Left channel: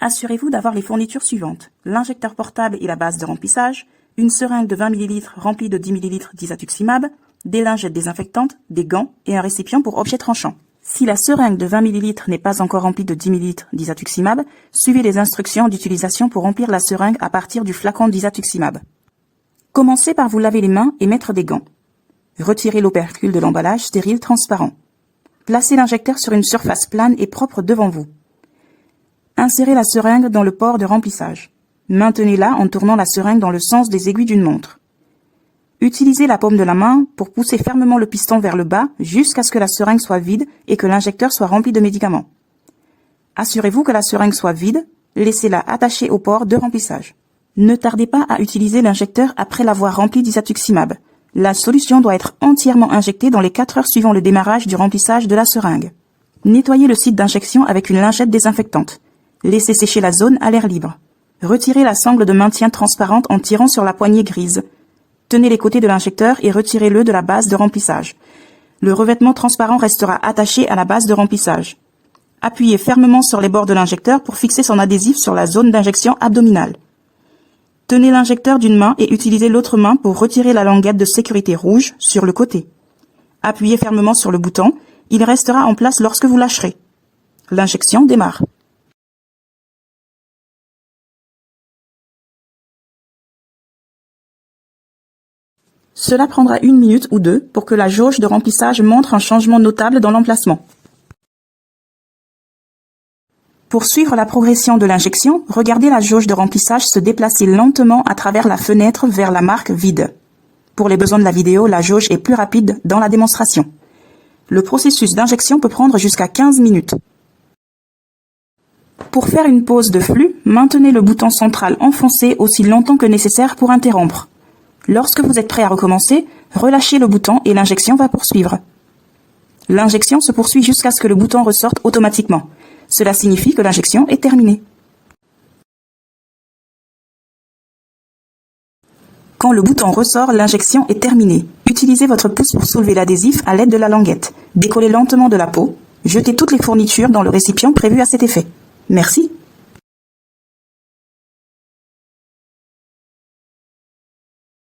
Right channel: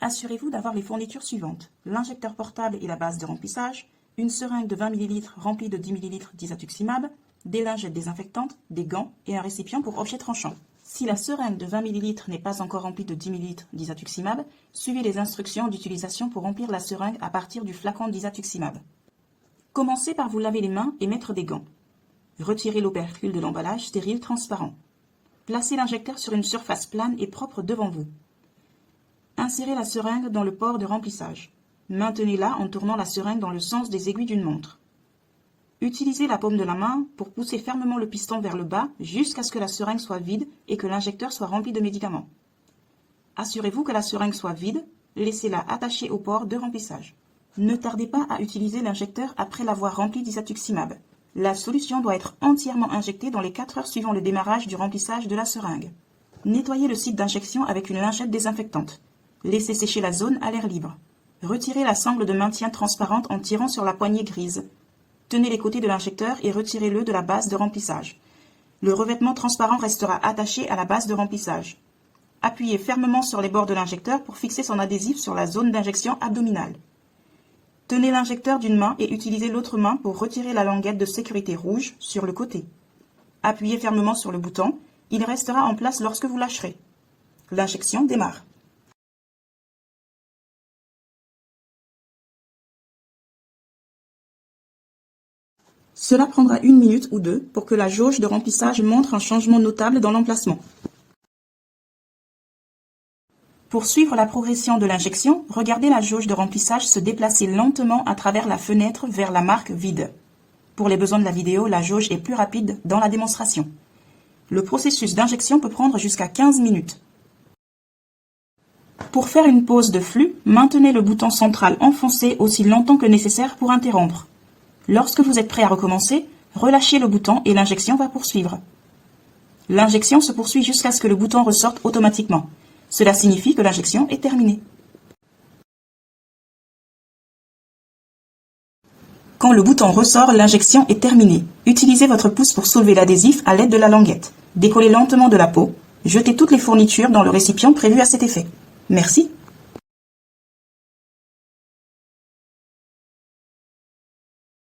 Assurez-vous d'avoir les fournitures suivantes: l'injecteur portable et la base de remplissage, une seringue de 20 ml remplie de 10 ml d'isatuximab, des lingettes désinfectantes, des gants et un récipient pour objets tranchants. Si la seringue de 20 ml n'est pas encore remplie de 10 ml d'isatuximab, suivez les instructions d'utilisation pour remplir la seringue à partir du flacon d'isatuximab. Commencez par vous laver les mains et mettre des gants. Retirez l'opercule de l'emballage stérile transparent. Placez l'injecteur sur une surface plane et propre devant vous. Insérez la seringue dans le port de remplissage. Maintenez-la en tournant la seringue dans le sens des aiguilles d'une montre. Utilisez la paume de la main pour pousser fermement le piston vers le bas jusqu'à ce que la seringue soit vide et que l'injecteur soit rempli de médicaments. Assurez-vous que la seringue soit vide, laissez-la attachée au port de remplissage. Ne tardez pas à utiliser l'injecteur après l'avoir rempli d'isatuximab. La solution doit être entièrement injectée dans les 4 heures suivant le démarrage du remplissage de la seringue. Nettoyez le site d'injection avec une lingette désinfectante. Laissez sécher la zone à l'air libre. Retirez la sangle de maintien transparente en tirant sur la poignée grise. Tenez les côtés de l'injecteur et retirez-le de la base de remplissage. Le revêtement transparent restera attaché à la base de remplissage. Appuyez fermement sur les bords de l'injecteur pour fixer son adhésif sur la zone d'injection abdominale. Tenez l'injecteur d'une main et utilisez l'autre main pour retirer la languette de sécurité rouge sur le côté. Appuyez fermement sur le bouton, il restera en place lorsque vous lâcherez. L'injection démarre. Cela prendra 1 minute ou 2 pour que la jauge de remplissage montre un changement notable dans l'emplacement. Pour suivre la progression de l'injection, regardez la jauge de remplissage se déplacer lentement à travers la fenêtre vers la marque vide. Pour les besoins de la vidéo, la jauge est plus rapide dans la démonstration. Le processus d'injection peut prendre jusqu'à 15 minutes. Pour faire une pause de flux, maintenez le bouton central enfoncé aussi longtemps que nécessaire pour interrompre. Lorsque vous êtes prêt à recommencer, relâchez le bouton et l'injection va poursuivre. L'injection se poursuit jusqu'à ce que le bouton ressorte automatiquement. Cela signifie que l'injection est terminée. Quand le bouton ressort, l'injection est terminée. Utilisez votre pouce pour soulever l'adhésif à l'aide de la languette. Décollez lentement de la peau. Jetez toutes les fournitures dans le récipient prévu à cet effet. Merci.